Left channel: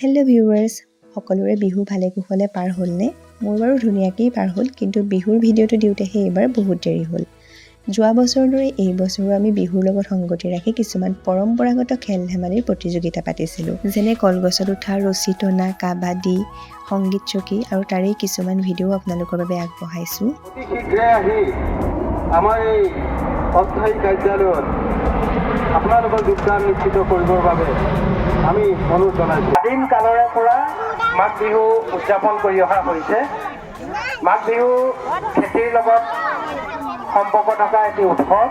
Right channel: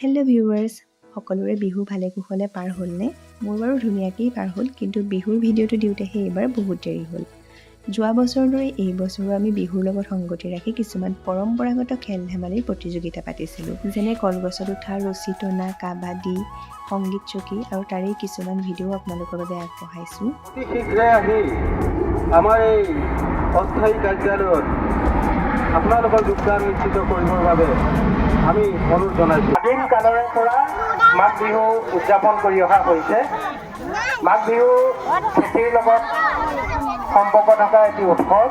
Hello' viewers, সকলোৰে বিহু ভালে কুশলে পাৰ হ'লনে? মোৰ বাৰু ধুনীয়াকেই পাৰ হ'ল, কিন্তু বিহুৰ ভিডিঅ'টো দিওঁতেহে এইবাৰ বহুত দেৰি হ'ল। যোৱা বছৰৰ দৰে এই বছৰো আমি বিহুৰ লগত সংগতি ৰাখি কিছুমান পৰম্পৰাগত খেল ধেমালিৰ প্ৰতিযোগিতা পাতিছিলোঁ, যেনে কলগছত উঠা, ৰছী টনা, কাবাডী, সংগীত চকী আৰু তাৰেই কিছুমান ভিডিঅ' আপোনালোকৰ বাবে আগবঢ়াইছোঁ। আমাৰ এই অস্থায়ী কাৰ্যালয়ত আপোনালোকৰ যোগদান নিশ্চিত কৰিবৰ বাবে আমি অনুৰোধ জনাইছোঁ। আদিম কালৰে পৰা মাঘ বিহু উদযাপন কৰি অহা হৈছে। মাঘ বিহু খেতিৰ লগত সম্পৰ্ক থকা এটি উৎসৱ।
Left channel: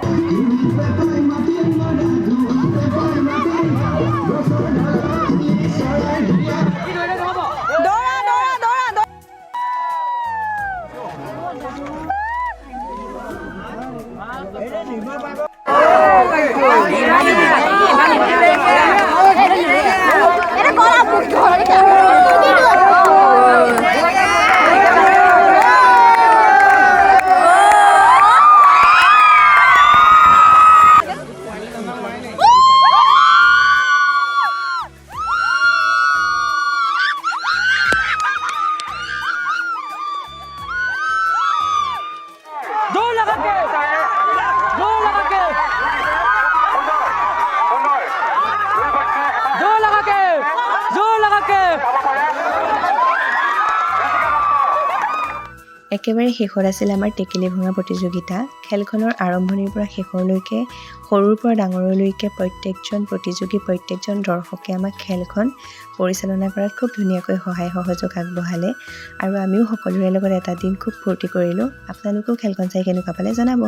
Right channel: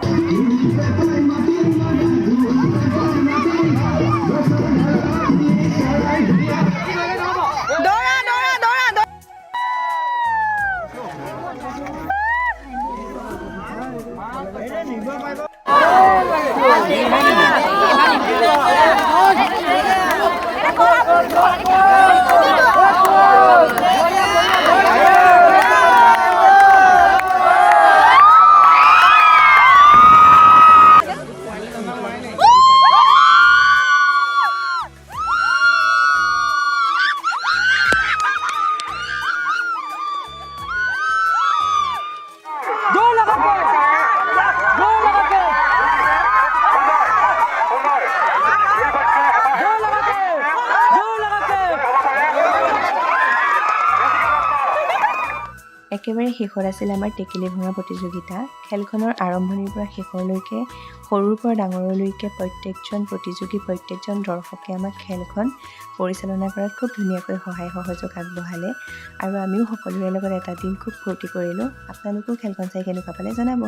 একেবাৰে শেষত আছিল আমাৰ টেকেলি ভঙা প্ৰতিযোগিতা। খেলখনৰ আৰম্ভণিৰ পৰা শেষৰলৈকে সৰুৰ পৰা ডাঙৰলৈকে প্ৰত্যেকজন প্ৰতিযোগী, প্ৰত্যেকজন দৰ্শকে আমাক খেলখন পৰিচালনা কৰাত খুব ধুনীয়াকৈ সহায় সহযোগ আগবঢ়ালে আৰু আমিও সকলোৰে লগত এটা দিন খুব ফূৰ্তি কৰিলোঁ। আপোনালোকেও খেলখন চাই কেনেকুৱা পালে জনাব।